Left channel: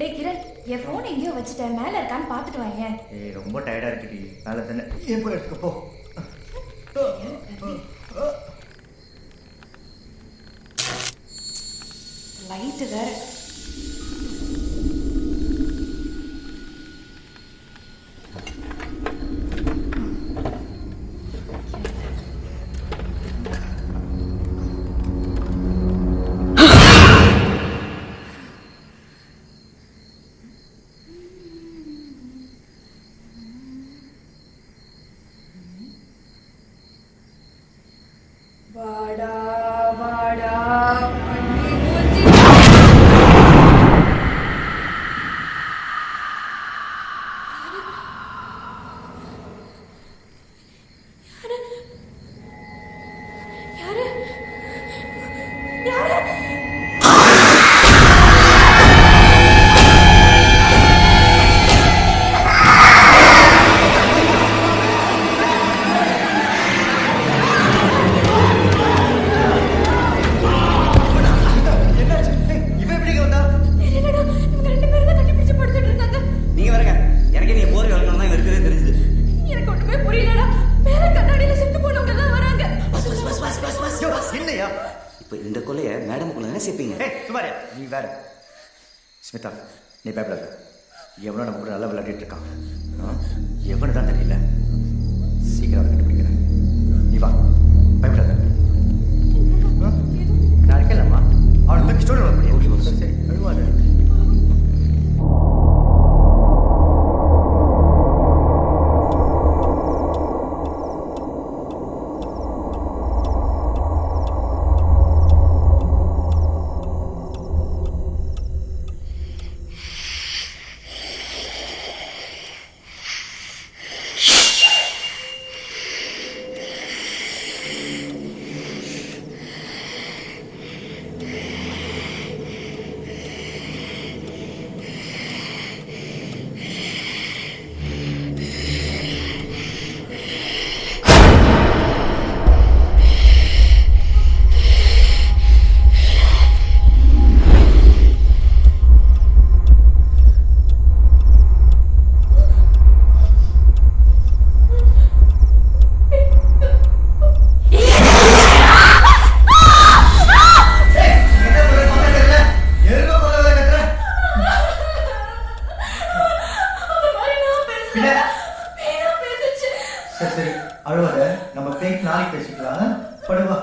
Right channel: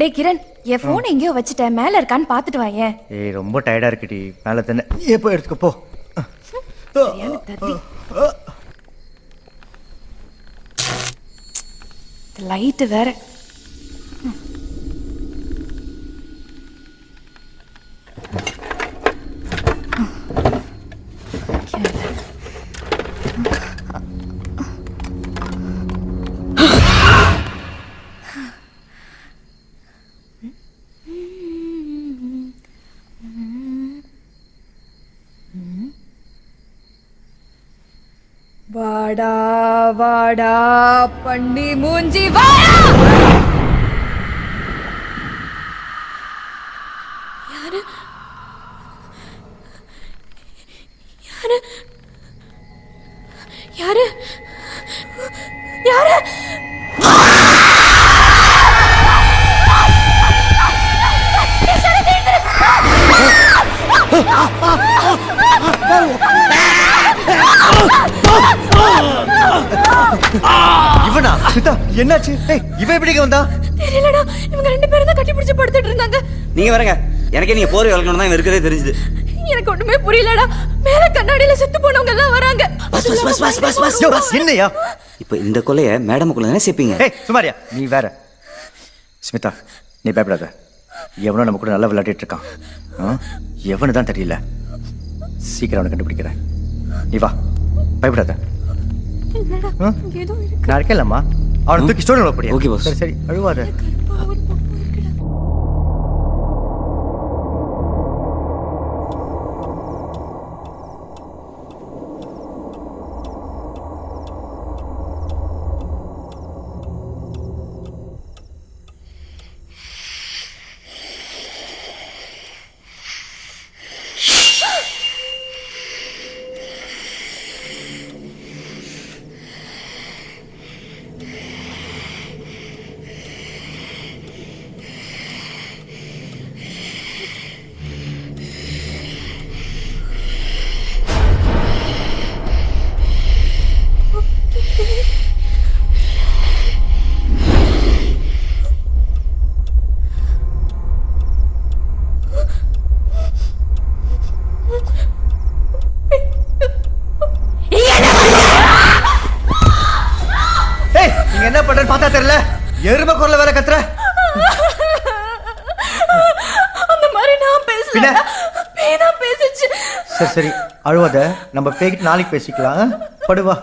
டேய் கிரண், என் ஃபோன் எங்கேயோ வச்சுட்டேன், மேலே இருக்கான்னு பார்த்துட்டு வாயேன். ஏய் ரொம்ப டயர்டாக இருக்குடி, மேலே தானே எப்போ எடுத்துக்க போ. சரியான தத்தி. லைட்டு வேற. வாடா வாடா பண்ணி மூஞ்சி வாடா. யாரு யாரு யாரு யாரு? என்னாச்சு? இவன் எப்படி வந்தா? தெரியலடா, இவங்க ரெண்டு பேரும் தான் கட்டி பிடிச்சு படுத்துட்டு இருந்தாங்க. நீங்க வரங்க, எனக்கே நீங்க போற வளர்க்கணும் தான் இருக்கிறதே தெரிஞ்சது. எனக்கு ஒண்ணுமே புரியலடா. மேல கண்ணாடியில செத்து போனவங்க எல்லாம் வராங்க. பஸ் என்னையா இப்போ இந்த கொலைய மேடமுக்குள்ள தானே சேர்ப்பீங்க? சுமாரியா நீ வேற. ஸ்மிதா நீ பயப்படாத, எவனோ நம்ம கூட நல்லா விளையாடிட்டு இருக்கான். எவனு தான் தெரியல, சீக்கிரம் அவனை கண்டுபிடிக்கிறேன். நீ வா, பயப்படாத. நான் இருக்கேன்லம்மா, அவனை தூக்கி ஸ்டோரி போடியா. Okay boss. சரி சரி, அழுவாத. எருமை குரல வேற கத்துற. அந்த மாதிரி நான் பேசல. பேனா பேசிச்சு. சரி சரி அழுவாத, நம்ம பேக்கிட்டு நாளைக்கு பேசிக்கலாம். படுவா.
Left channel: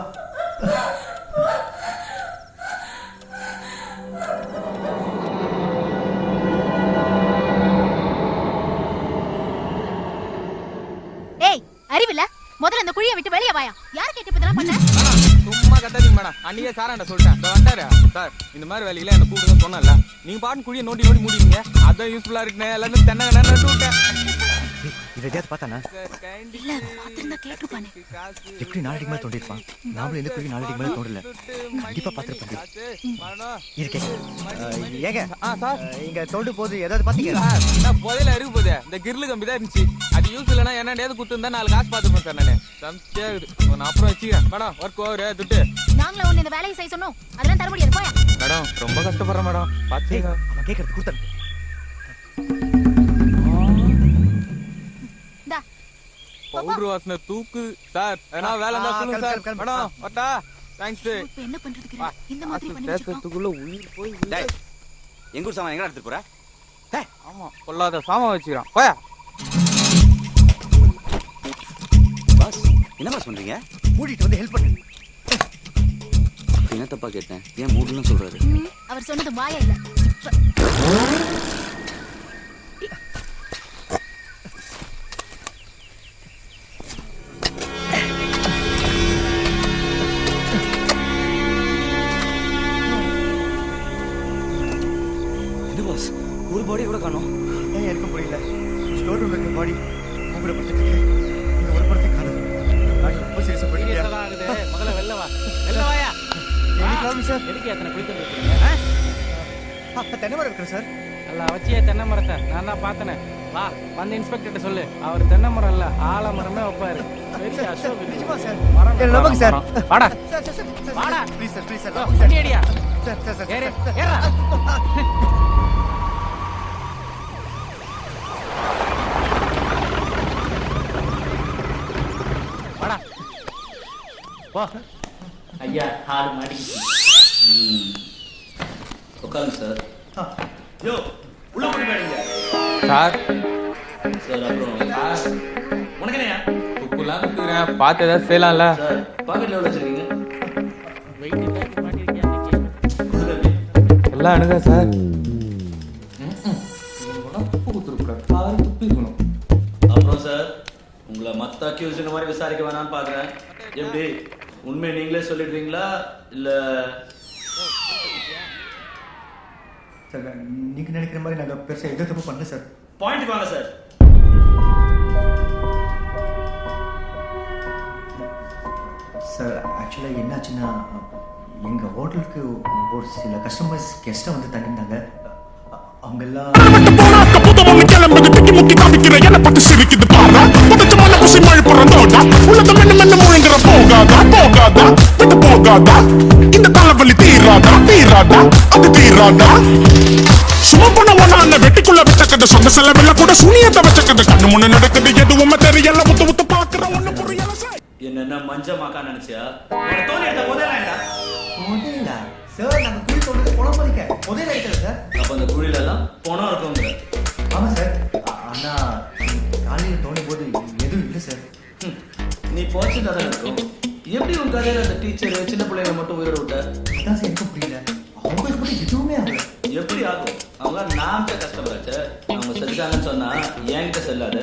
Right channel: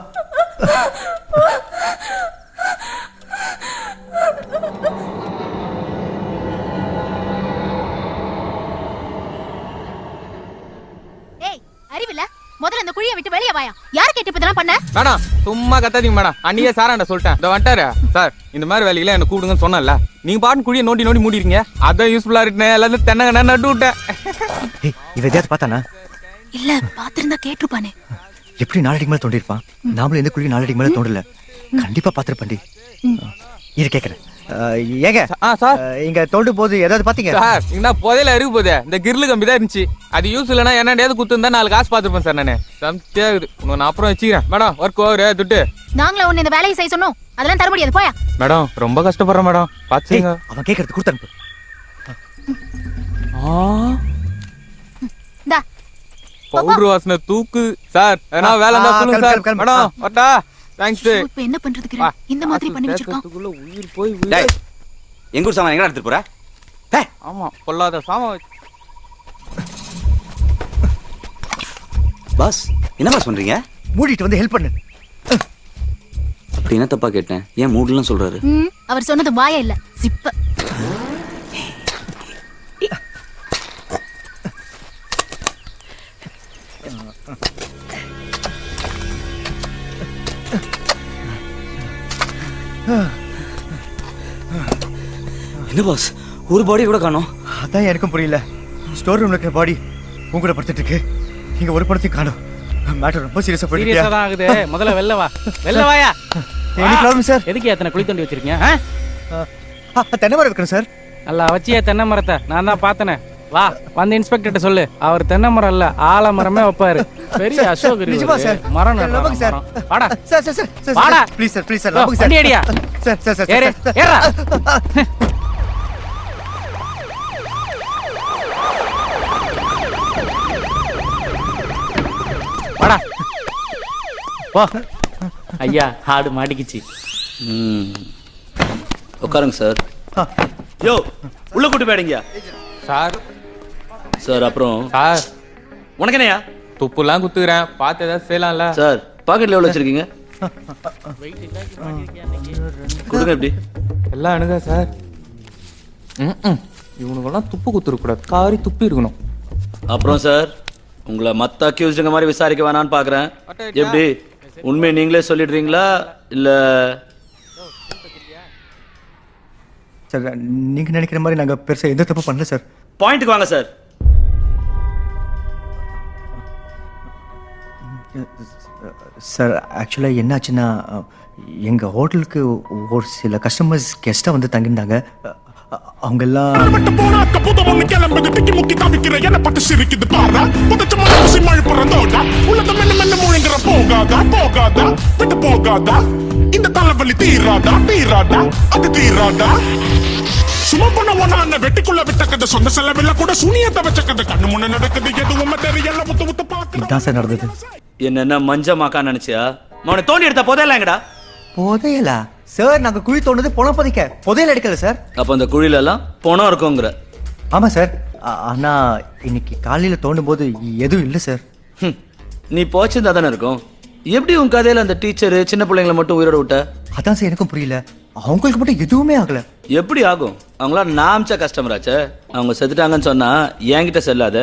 ஏய் அறிவில்ல, முதல்ல இந்த குழியை விட்டு வெளியே வாயா. யார் கேட்டு இப்பதெல்லாம் பண்ண? மேடம் சும்மா கத்தாதீங்க மேடம், அன்னியே சாராண்ட சொல்லிட்டேன். இந்த வந்துட்டாரு சார், இந்த மாதிரி வேலையில என்ன கூடுங்கன்னு சொன்னல, நீங்க பாட்டு குழியை நோண்டி நோண்டி மூடிருக்கீங்க. அதான் யூஸ்ஃபுல்லா இருக்குன்னு எல்லாரும் தென்னங்க நட்டு விட்டேன். இவ எதையாவது பார்த்தானா? இல்ல பாத்திருந்தா கேட்டுப்பானே. எப்படி நாலடிக்கு மேல தோண்டிருப்பான்? நாமளும் எந்த குழி நாலடிக்கு மேல தோண்டல, கண்டிப்பா பாத்திருப்பண்டி. இது கேக்குறேன். ஏங்க சார், இங்க தோண்டு போது ஏதாவது பாத்தீங்க சார்? என்ன புதையில இருக்கு போதே, இந்த கிரில் கம்பி தான் இருந்துச்சு. அது யூஸ் இல்லைன்னா என்னடையாவது குத்து இருந்தா 4 காசு பாத்துருப்பேன் சார். நானு சம்தியாகுது, நான் அப்புறம் வச்சுக்கிறேன். மேடம் ஒர்க் ஓவரு துட்டு. நாங்கள உன்னை இந்த வேலையை செய்ய சொன்னோம், அதெல்லாம் தர முடியாது. போயா. மேடம் ரொம்ப கஷ்டப்படுறேன் மேடம், பாத்துங்க. அவன் கேக்குறது கொடுத்தனுப்பு. இந்தா பவுடர் வாசனை தூக்கு சார். ஏன்னா வேலை இருந்தா சொல்லுங்க சார். மேடம் வரட்டா. தேங்க்ஸ். இப்போ என்ன பண்றதுக்கு இந்த மாதிரி பண்ணி வச்சிருக்கான்? உயிர் போய் டேய், எங்க ஊர் சாமான் எங்க எடுத்துட்டு போற? ஆமா, பொல்லாத சாமான் வச்சுக்கிறான். போயா. பாஸ் என்ன பாஸ் பண்றீங்க? மூடிட்டு வந்து ஹெல்ப் பண்ணு. அப்படி என்ன தப்பா கேட்டேன்? ஏன் மூடலாம் சொல்றாரு? அவர் சொன்னது வாயா இல்ல ஜிப்ப. என்ன பாஸ், ஒரு பாடி கூட காணோம். அதான் எனக்கும் புரியல. ஸ்டோர் ரூம்ல இருக்கிற பாடி உங்களோட படுத்துட்டு இருக்கு, இங்க ஒரு படத்தையும் காணோம். மேட்டர் ரொம்ப சீரியஸா போயிடுச்சு. சீரியஸா தான் ஆகுது. முதல்ல வெளில வா. வெளில வாயா. Any problem sir? எதுக்கு எத்தனை குழி தோண்டி வச்சிருக்கீங்க? தென்னை மரம் வைக்கிறேன் சார். நல்லா வச்சியே தென்னை மரத்தை, நான் தான் பார்த்தனே. வா வந்து இன்ஸ்பெக்டர்ட்ட சொல்லு, அவர் தென்னை மரம் இல்ல ஆலமரமே வைப்பாரு. பெரிய அசோக் நிஜமா சார்? மரம் நம்புங்க சார். வாடா சார் சார் சார் வாடா. ப்ளீஸ் சார், ப்ளீஸ் சார், நம்புங்க சார். வண்டி அடியா. சார் சார் சார் ஏறு சார். ஏறா. வாடா போ. ஐயா ஆடு மாட்டிக்கிச்சு. உட்காருங்க சார். யோ உள்ள கூட்டு போயிடுங்க சார் சார். அப்புறம் சார் உனக்கு என்னையா? துப்புலாம் குத்துக்கிறேன், பார்த்து ஏதாவது செய்யலாம்ல சார் பாக்கெட்ல எவ்வளோ வச்சிருக்கீங்க? கொடுங்க எப்படி? எல்லாம் அணுகா சார். இவனுக்கெல்லாம் துப்பு குத்துருக்கூடாது, காரி துப்பி இருக்கணும். அப்புறம் சார் உங்களை மற்ற அக்யூஸ்டுங்க மாதிரி விசாரிக்க வேணான்னு பார்க்குறேன். எப்படி உண்மையை நீங்களே சொல்லிடுறீங்களா இல்லை? சார் நீங்கள் நினைக்கிற மாதிரி நாங்கள் பெருசாக எந்த தப்பு பண்ணல சார். பாயிண்ட்டுக்கு வாங்க சார். சார் ஆக்சுவலாக என்னாச்சுன்னா எங்கள் ஹோட்டலுக்கு ஒரு சில கஸ்டமர்ஸ் கெஸ்ட்டாக வந்து தங்கியிருந்தாங்க. அவங்கெல்லாம் கிளம்புது திக்கி முக்கி காமிக்கிற என்ன பட்டு சிரிக்குது பாரா புதைச்ச மலை குசி மழை பிறந்தோடா உள்ளத மெல்ல முழுங்குற போகாதா போகாதா விட்டு போகாதா இந்த தலைவலி தீராதா தீராதா அது தீராதா சும்மா பண்ண ஒண்ணான வெட்டிக்குள்ள வச்சக்கத சொந்த செலவில்ல கூட சுனியத்தை வச்சக்கத கண்ணு முன்ன நடக்குது எதுவுமே தெரியல முத்து முத்து இதான் சார் நடந்தது. பாக்குறேன். என்னென்ன மஞ்சமாக்கா நினைச்சியா? உன்னை தோண்டி எடுத்த போதெல்லாம் எங்கடா? புதையலா சார்? நாங்கள் குழி தோண்டது பணம் பதிக்க, புதையல் அடிக்கல சார். அப்போ அந்த குழியில எல்லாம் பணம் இருக்குங்கிற? ஆமாம் சார். ஆனால் இன்னைக்கு காலையில் தோண்டும் போது எதுவும் இல்லை சார். நீ போச்சிருந்தா தானே இருக்கும். எப்படி உன் கதையில அந்த டீச்சரு சின்ன பிள்ளைங்களை மட்டும் உயிரோட விட்ட? அதான் சார் எனக்கும் புரியல. அவங்களுக்கு மட்டும் எதுவுமே ஆகலை. எப்படி ஆகும்? அவங்களாம் நாமிச்ச கஸ்டமர் ஆச்சே. அவங்க செத்துட்டாங்கன்னு சொன்னா என்கிட்ட செல்லாத.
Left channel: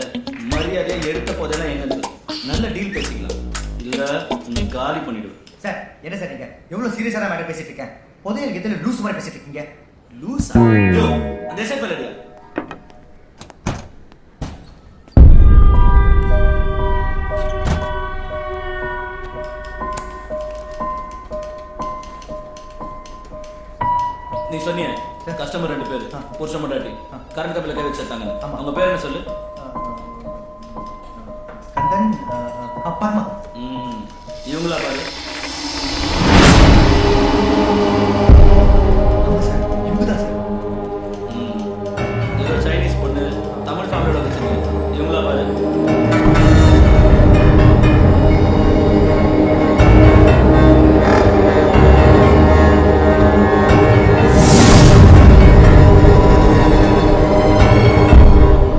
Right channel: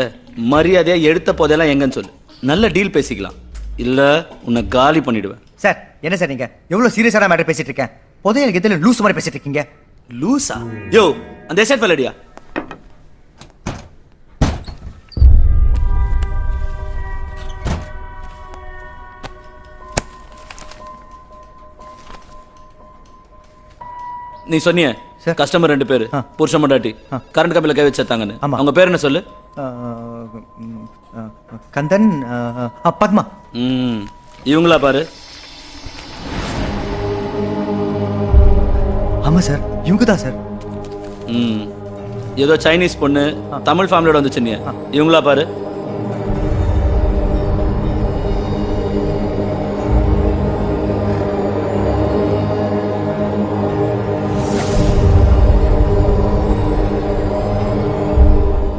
மரியாதையா எடுத்த போதெல்லாம் எங்கன்னு சொல்லு. நல்ல டீல் பேசிக்கலாம், இல்ல உன்னை காலி பண்ணிடுவேன். சார் என்ன சார் நீங்கள் எவ்வளோ சீரியஸான மேட்டர் பேசிட்டு இருக்கேன்? புதையலுக்கு எதில் லூஸ் மாதிரி பேசிட்டு இருக்கீங்க. லூசா? யோ அந்த எஸ்ஐட் பல்லடியா? நீ சொன்னிய சார். கஸ்டமர் 2 பேர் புருஷன் பொண்டாட்டி கரண்ட் கம்பில கை வச்சாங்கன்னு. ஆமா. அவங்க பேர் என்ன சொல்லு? கந்தன், பத்மா. இவங்களா பாரு. ஆமாம் சார் இவங்க தான் சார். ஏதோ சைனீஸ் பொண்ணு தமிழ் ஃபேமிலியோட வந்துச்சு. நீ இவங்களா பாரு.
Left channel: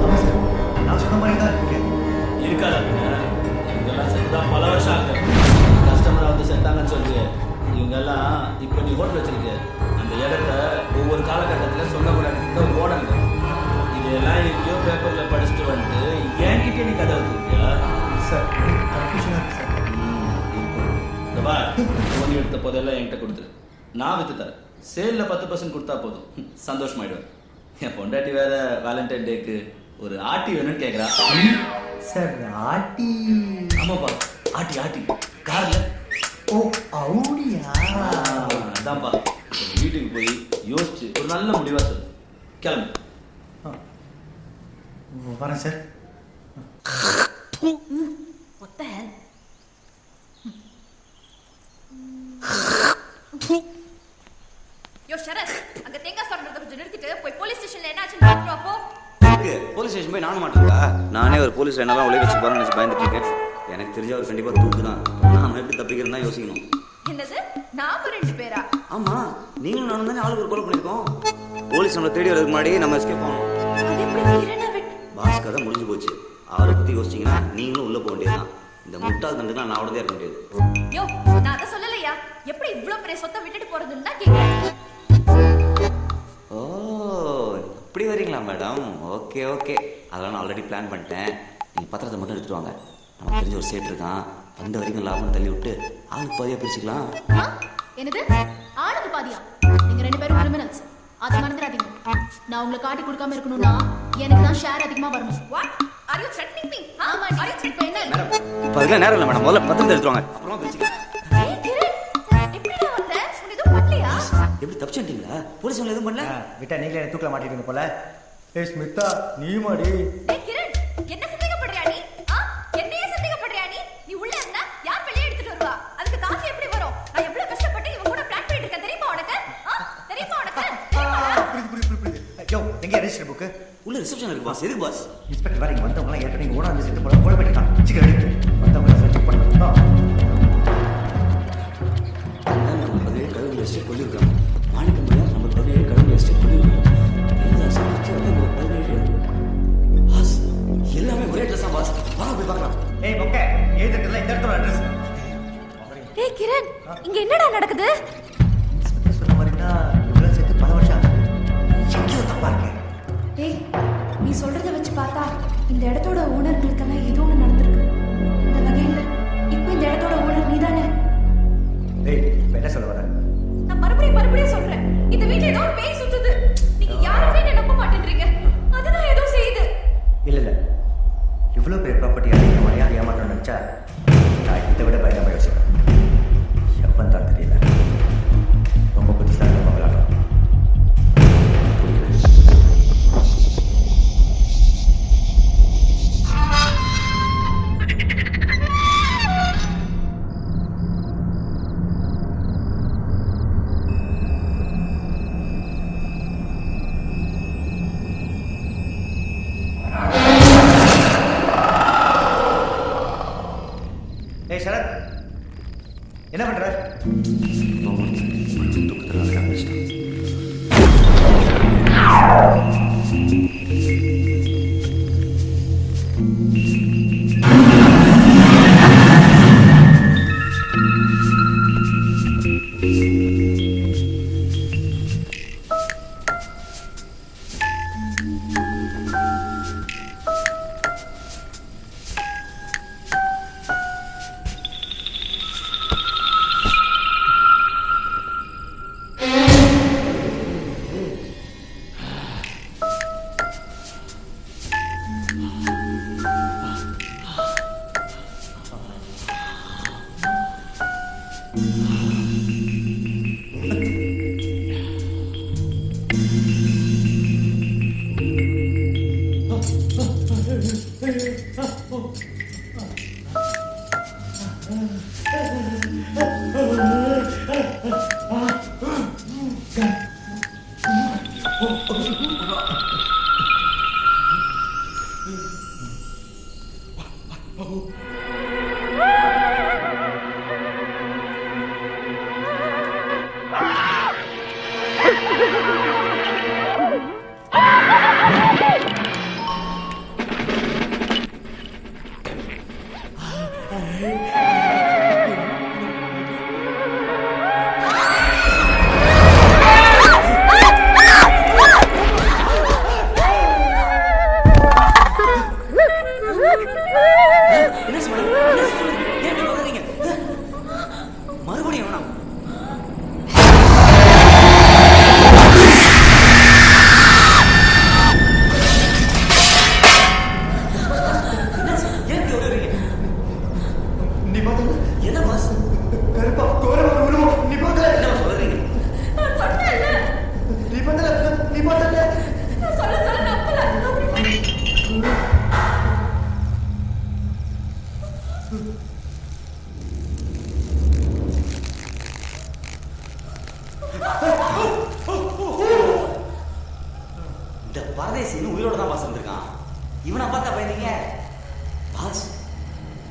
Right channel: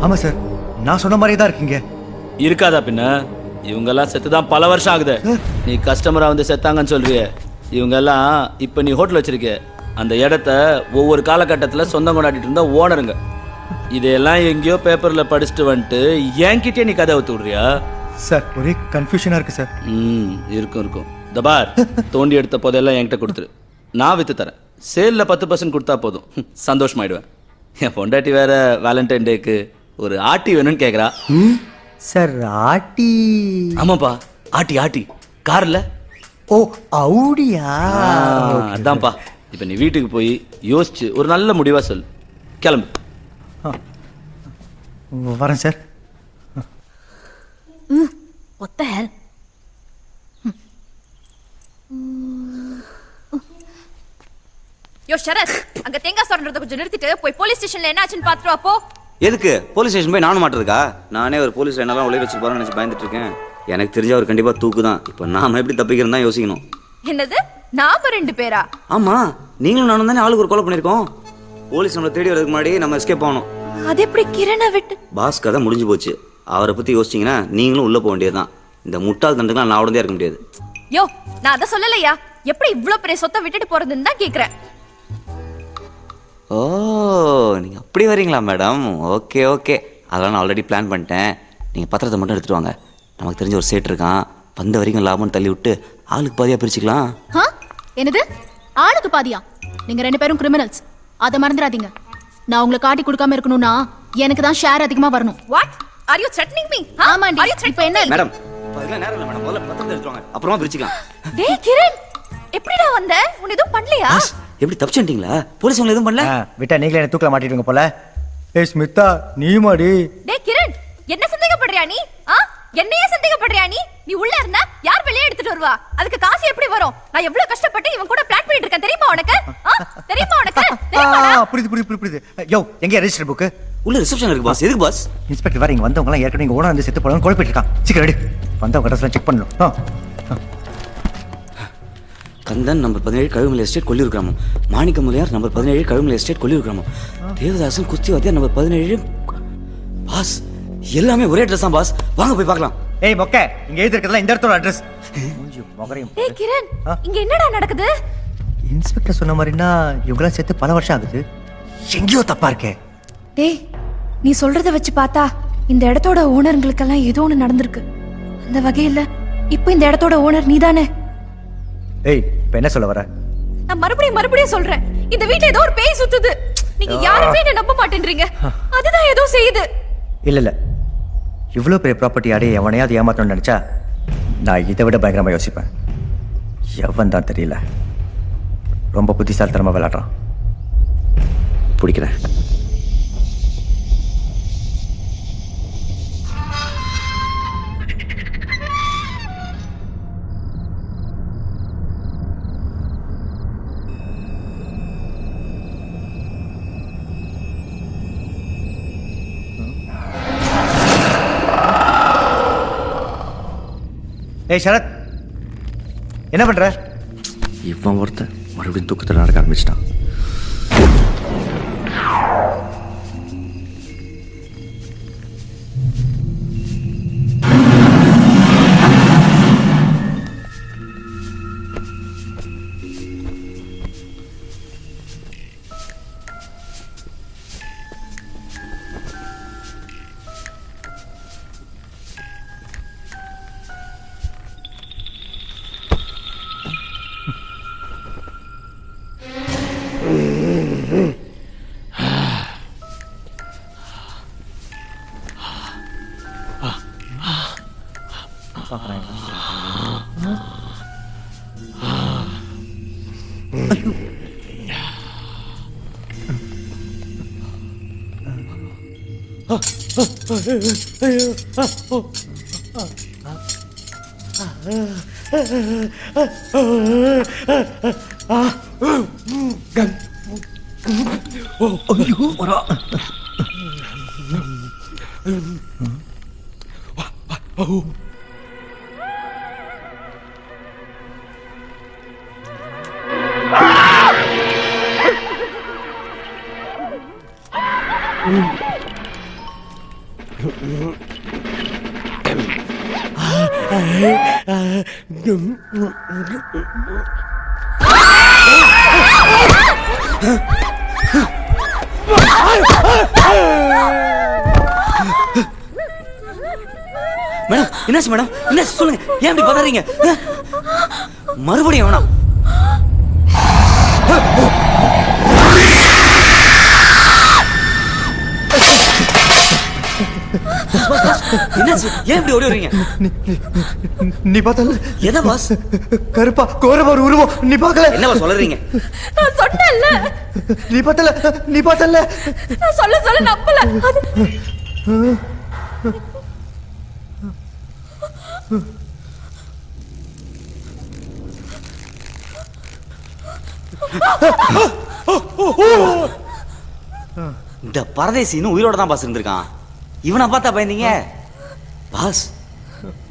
ஆமாம் சார் நான் சொன்ன மாதிரி தான் இருக்குங்க. இருக்காதா பின்ன? இவங்கெல்லாம் செத்துதான் பல வருஷம் ஆகுது. நீ கஸ்டமரா வந்து செத்தாங்கன்னு சொல்றிய. இவங்கெல்லாம் இப்போ நீ ஹோட்டல் வச்சிருக்க அந்த இடத்த ஒவ்வொரு காலகட்டத்தில் சொந்தம் கொண்டாடிட்டு இருந்தா ஓனருங்க. இதையெல்லாம் எங்கேயோ பேப்பரில் படிச்சுட்டு வந்துட்டு என்கிட்டயே நீ கதை ஊற்றி விட்றியா? சார் ஒரே கன்ஃபியூஷனாக இருக்குது சார். இருக்கும் இருக்கும். இந்த பார் தோண்டி எடுத்த போதெல்லாம் என்கிட்ட கொடுத்துரு, நான் விற்று தரேன். சேலில் 10% கொடுத்தா போதும், சந்தோஷமாயிடுவேன். என் பொண்டாட்டி வேற வேலண்டைன் டேக்கு ஒரு ஆட்டி வேணும்னு கேட்குறா. சார் ஆட்டி? ஆமாப்பா ஆட்டி ஆட்டி காரில். ஓ அவுடியா? அதான்ப்பா. இப்போ நீ வீட்டுக்கு போய் யோசிச்சு ஒரு நல்ல முடிவாக சொல்லு. கிளம்பு. வரேன் சார். What the hell? யோ ஷரத், அங்க தேங்காய் சொல்றத கொஞ்சம் நிறுத்திட்டு போய் போலீஸ் ஸ்டேஷன்ல என்ன ஆச்சுன்னு பாத்துட்டு வா போ. எதுக்கு போலீஸ் ஸ்டேஷன் போய் நானும் மாட்டிருக்கா? நானே ஒரு போலீஸ் என்னெல்லாம் உழைய வச்சு போறேன்னு நினச்சி பயந்துட்டு இருக்கேன். எனக்கு தெரிஞ்ச அவர் கண்டிப்பாக தூக்கு தான். இப்போ நாம எப்படி தப்பிக்கிறேன்னு தான் யோசிக்கணும். என்னது நாம 2 பேரா? ஆமாம் நீங்களும் நானும் தானே ஆளுக்கு ஒரு கொலை பண்ணியிருக்கோம். போலீஸ் நம்மளை தேடி வரதுக்கு முன்னாடி நம்ம எஸ்கேப் ஆகணும். அது எப்படி கிரணை விட்டு? பாஸ் கதை முடிஞ்சு போச்சு. அவரை பற்றி யோசிச்சிங்கன்னா நீங்களும் உள்ளே போக வேண்டியதுதான். இந்த முட்டாள் தண்டுக்கெல்லாம் நான் உடனே இருக்க முடியாது. யோ நான் அதை சொல்லலையா, எப்படி இவ்ளோ பெரிய சொத்தை விட்டுட்டு போறதுன்னு தான் கேக்குறேன். ஓ நீங்கள் அப்படி வரீங்களா மேடம்? ஓகே ஓகே, அதெல்லாம் நான் ஆல்ரெடி பிளான் பண்ணிட்டேன். நீங்கள் பத்திரத்தை மட்டும் எடுத்துகிட்டு வாங்க. நமக்கு தெரிஞ்ச ஒரு சேட் இருக்கான், வந்த வரைக்கும் லாபம்னு தள்ளி விட்டு ஆளுக்கு பாதியாக பிரிச்சுக்கலாம். என்னது ஆளுக்கு பாதியா? நீங்க 2 பேரும் கிரிமினல்ஸ், அதை மறந்துடாதீங்க. நான் உங்களை காட்டி கொடுக்காம இருக்கணும்னா எனக்கு தான் ஷேர் அதிகமா வரணும். What are you threatening me? ஆமாண்டி. ஆர் யூ இப்போ என்ன? மேடம் இப்போ அதெல்லாம் நேரம் இல்லை மேடம். முதல்ல பத்திரத்தை எடுத்துட்டு வாங்க, அப்புறமா பிரிச்சுக்கலாம். ஏய் கிரண், எப்படிடா வந்த? உன்னை எதுவும் பண்ணலையா? எப்படி தப்பிச்சுட்டீங்களா? போலீஸ் உங்களை எதுவும் பண்ணல? விட்டா நீங்களே என்ன தூக்கில் மாட்டிடுங்க போல. ஏய் ஸ்மிதா நீ மாடி. டேய் கிரண், என்ன சந்தேகப்படுறியா நீ? என்னையே சந்தேகப்படுறியா நீ? நீ உள்ள இருந்தா யார் வெளியே எடுத்துட்டு வருவா? அதுக்கு காசு எப்படி வரும்? நான் எவ்வளவு கஷ்டப்பட்டு இவன் கூட பிளான் பண்ணிட்டு இருக்கேன் தெரியுமா உனக்கு? தெரியுமா உனக்கு தெரியுமாடா? புரியுது யோ எங்க ரெஜிஸ்டர் புக்கு உள்ள ரிசப்ஷன் இருக்கு பாஸ். எதுக்கு பாஸ்? இன்ஸ்பெக்டர் வேற இங்க வந்தவங்க எல்லாம் ஏற்கனவே இங்க ஓனர் வந்து செத்து போறாங்க குழப்பிட்டு இருக்கான். சீக்கிரம் எடு வந்தவங்க ட்ரெஸ் செக் பண்ணணும். கந்தன் நம்பர் 17 கழுகுமலை எஸ்டேட் கொல்லியூர் கிராமம். மாணிக்க முனியார் நம்பர் 17 கழுகுமலை எஸ்டேட் கொல்லியூர் கிராமம். தேவதாசன் குஸ்திவாத்தியார் நம்பர் 17. பாஸ் எல்லாமே ஒரே ட்ரெஸ் தான் பாஸ். வாங்க போய் பார்க்கலாம். ஏய் மொக்க இங்க எழுதி இருக்கிறதுல இந்த இடத்தோட அட்ரஸ். ஏய் கிரண், இங்க என்னடா நடக்குது? இன்ஸ்பெக்டர் சொன்ன மாதிரினா இவங்களாம் சேர்த்து பல வருஷம் ஆகுது. எங்கேயோ தப்பா இருக்கே. டேய், நீ சொல்றத வச்சு பார்த்தா இந்த இடத்தோட ஓனருங்களுக்கெல்லாம் ஏதோ ஒன்று நடந்திருக்கு. அந்த வகையில் இப்போ இந்த இடத்தோட ஓனர் நீதானே? ஏய் இப்போ என்ன சொல்ல வர? நான் மறுபடியும் சொல்றேன், இந்த வீட்ல ஏதோ ஒரு பேய் சுத்துது. நீங்க யாருமே என்ன நம்ப மாட்டேன்றீங்க. அதுதான் ஏதோ செய்யுது. இல்ல இவ்வளோ பெரிய ப்ராப்பர்ட்டி அடைய எவனையாவது ஏமாத்தணும்னு நினைச்சா நான் இதை விட பயங்கரமா யோசிப்பேன். எவன் தான் தெரியல, ரொம்ப புத்திசாலித்தனமா விளையாடுறான். பிடிக்கிறேன். ஏய் சரத், என்ன பண்ற? இவன் ஒருத்தன் மறுபடியும் தூக்கத்தில் நடக்க ஆரம்பிச்சிட்டான். மேடம் என்னாச்சு மேடம்? என்ன சொல்லுங்க, ஏன் இப்படி பதறீங்க? மறுபடியும் வேணாம். என்னாச்சு, ஏன் இப்படி ஓடி வரீங்க? நீ பார்த்தல எதை பாஸ்? கருப்பா கோரமா ஒரு உருவம், நீ பார்க்கல? என்னவா சொல்றீங்க? நான் சொன்னேன்ல, நீ பார்த்தல நான் சொல்ல நம்பல. இந்த பரதேசி இன்னும் உயிரோட தான் பாஸ் இருந்திருக்கான். இவனை பார்த்தா பயந்தீங்க? பாஸ்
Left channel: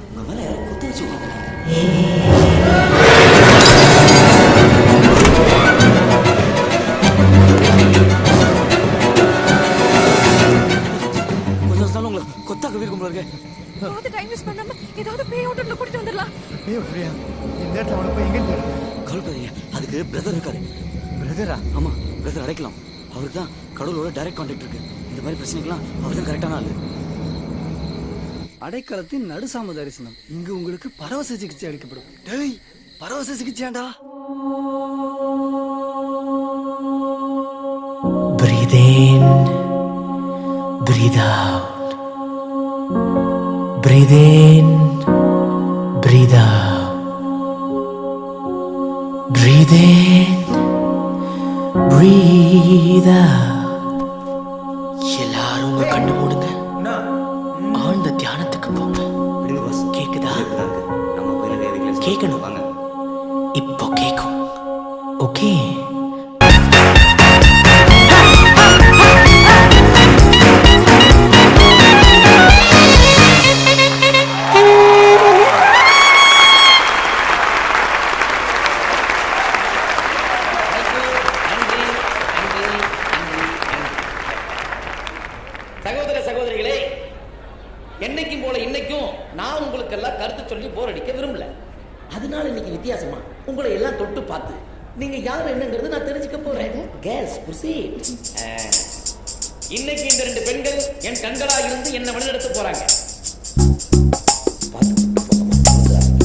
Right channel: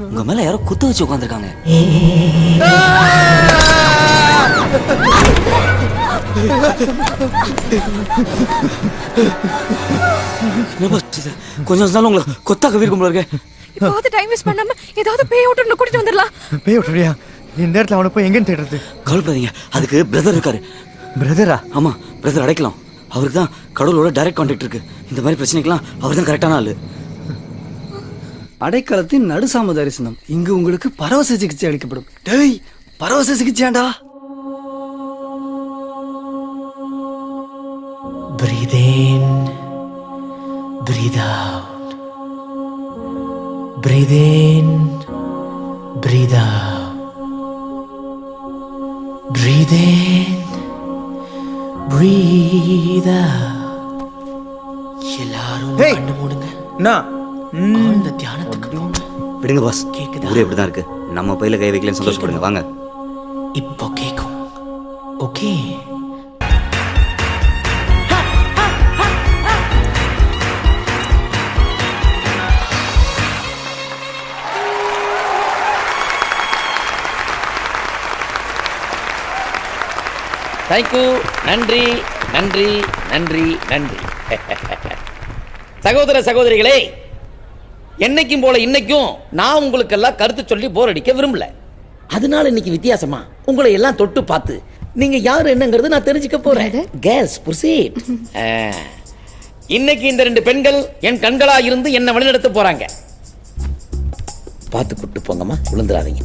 உங்க மேல யாரோ குத்து வச்சு உட்காந்துருக்காங்க. கொஞ்சம் நாள் உங்களை கொத்தாக்க வீர்க்கும் போல இருக்கு. இப்போ டைம் வேஸ்ட் பண்ணாம ஏதாவது பேய் ஓட்டர்ல கூட்டிட்டு வந்துடலாம். பேய் விட்டுறியா? இந்த இடத்துல அவனை போய் எங்கன்னு தேடுறது? கவலைப்படாதீங்க, அதுக்கு பிரதர் இருக்காரு. பிரதரா? ஆமா, பிரதர் அடைக்கலாம். அவருக்கு தான் கடவுளோட டைரக்ட் கான்டாக்ட் இருக்கு. இந்த மாதிரி பிரச்சனைக்கெல்லாம் அவர் தான் கரெக்டான ஆளு. அடைக்கலத்தின் நடுசாம தரிசனம். இங்கு உங்களுக்கு பரவச சிகிச்சை அளிக்கப்படும். டேய், பரவச சிகிச்சையாண்டா. Breathe in, breathe out. Breathe in, breathe out. Breathe in, breathe out. எல்லாரும் கண்ணு மூடுங்க. ஆழ்ந்த தியானத்துக்கு போங்க. விடுங்க பாஸ், கேக்குதா? ஊரே இப்படிதான் இருக்கு. நம்ம பையில கை வைக்கலன்னு சொல்லுங்க. வாங்க. இப்போ கேக்கும். ஓகே. தேங்க்யூ. நன்றி நன்றி நன்றி நன்றி. சகோதர சகோதரிகளே, என்னைக்கும் போல இன்னைக்கும் நான் உங்களுக்கெல்லாம் கருத்து சொல்லி போர் அடிக்க விரும்பல. அதனால இன்னைக்கு வித்தியாசமா உங்களை எல்லாம் தொட்டு பார்த்து நீங்க யார் என்னங்கிறது நான் தெரிஞ்சுக்க போறேன். Girls proceed. இன்னைக்கு இந்த 2 பெண்கள் என் கண்களா இருந்து என்ன வழிநடத்த போறாங்க. பார்த்து கூட்டு போங்கம்மா, விழுந்துடாதீங்க.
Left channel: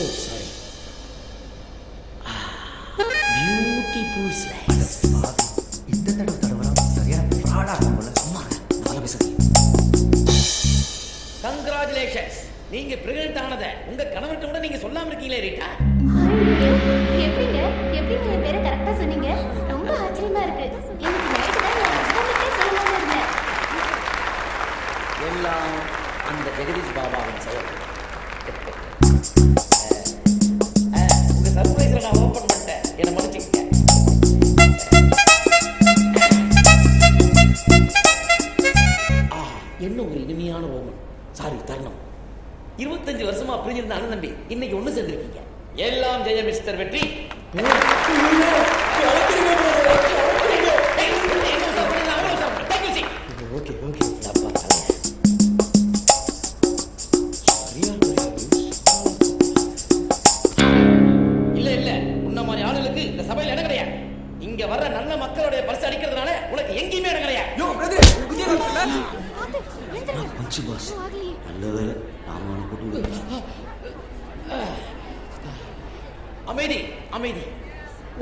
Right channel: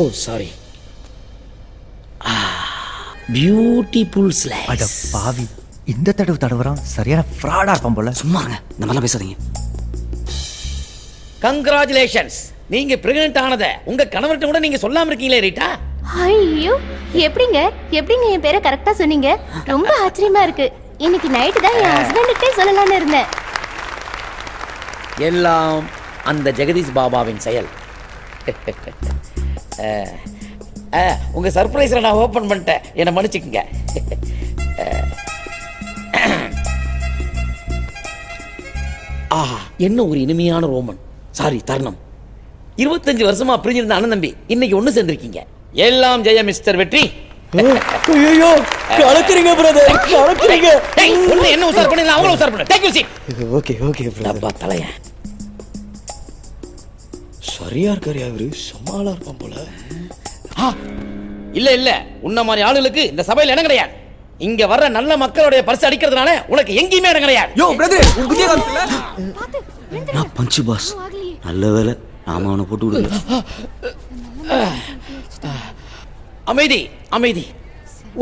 ஓ சாரி. பியூட்டிஃபுல் அட ஸ்லைஸ். பாவி, இந்த தடவை தடவுறான் சரியான ஃப்ராடா இருப்பான் போல. சும்மாங்க இந்த மாதிரிலாம் பேசாதீங்க. கங்க்ராச்சுலேஷன்ஸ், நீங்க பிரெக்னன்ட் ஆனதை உங்க கணவர்கிட்ட கூட நீங்க சொல்லாம இருக்கீங்களே ரீட்டா. ஐயோ, எப்படிங்க என் பேரை கரெக்டா சொன்னீங்க? ரொம்ப ஆச்சரியமா இருக்கு. இன்னைக்கு நைட்டு தான் என் ஹஸ்பண்டுக்கே சொல்லலாம்னு இருந்தேன். எல்லாம் அந்த ஜெகதீஷ் பாபாவின் செயல். உங்க சர்ப்ரைஸ்ல நான் ஓபன் பண்ணிட்டேன், என்னை மன்னிச்சுக்கங்க. ஆஹா, என்ன ஒரு இனிமையான ரோமன், சாரி தருணம். 25 வருஷமா பிரிஞ்சிருந்த அண்ணன் தம்பி இன்னைக்கு ஒண்ணு சேர்ந்திருக்கீங்க. எல்லாம் ஜெய மிஸ்டர் வெற்றி. ஐயோ கலக்குறீங்க பிரதர், கலக்குறீங்க. என்ன உசார் பண்ணி அவங்கள உசார் பண்ணு. Take you seat. Okay okay டப்பா தலைய சரியா இருக்காரு அவரு, சமாளா இருக்கும் போல. இல்ல இல்ல, உன்ன மாதிரி ஆளுகளுக்கு இந்த சபையில இடம் கிடையாது. இங்க வர்ற நல்ல மக்களுடைய பரிசு அடிக்கிறதுனால உனக்கு எங்கேயுமே இடம் கிடையாது. யோ பிரதர், உன் குதிய காமிச்சல. நான் பஞ்சு பாஸ், நல்ல வேலை நாம அவனை போட்டு விடுங்க. அமைதி அமைதி.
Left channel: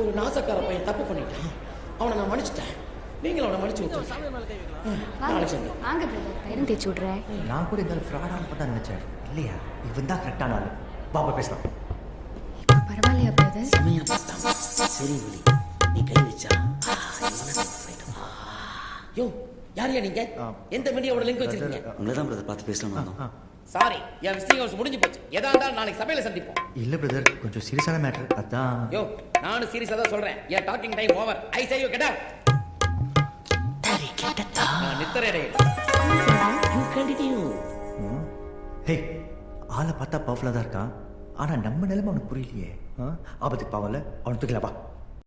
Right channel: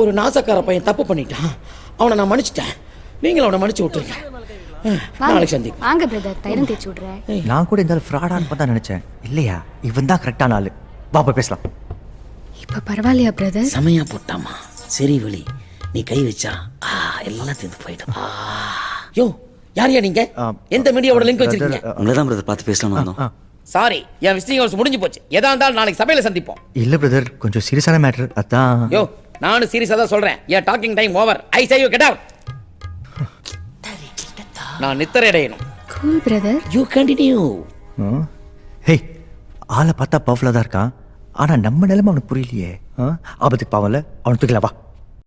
ஒரு நாசக்கார பையன் தப்பு பண்ணிட்டான், அவனை நான் மன்னிச்சிட்டேன். நீங்களும் அவனை மன்னிச்சு விட்டுருங்க. நாளைக்கு சந்தி. வாங்க பிரதர், தைரம் தேய்ச்சி விடுறேன். நான் கூட இந்த ஃப்ராடான்னு பார்த்தா நினைச்சேன். இல்லையா, இவன் தான் கரெக்டான ஆளு. பாப்பா பேசலாம். இப்ப பரவாயில்லையா பிரதர்? சமயம் போட்டாமா, சரி வழி. நீ கை வச்சா எல்லாம் சேர்ந்து போயிடும். யோ, யாரையா நீங்க? எந்த மீடியாவோட லிங்க் வச்சிருக்கீங்க? உங்களை தான் பிரதர் பார்த்து பேசலாம்னு வந்தோம். சாரி, என் விசிட்டிங் ஹவர்ஸ் முடிஞ்சு போச்சு. எதா இருந்தாலும் நாளைக்கு சபையில சந்திப்போம். இல்ல பிரதர், கொஞ்சம் சீரியஸான மேட்டர் அதான். யோ, நானும் சீரியஸா தான் சொல்றேன். என் talking time over. I say you get out. நான் நித்திரை அடையணும். Brother, you continue. ஹே, ஆளை பார்த்தா பவர்ஃபுல்லாக தான் இருக்கான். ஆனா நம்ம நிலைமை அவனுக்கு புரியலையே. ஆபத்துக்கு பாவம்ல, அவனை தூக்கல வா.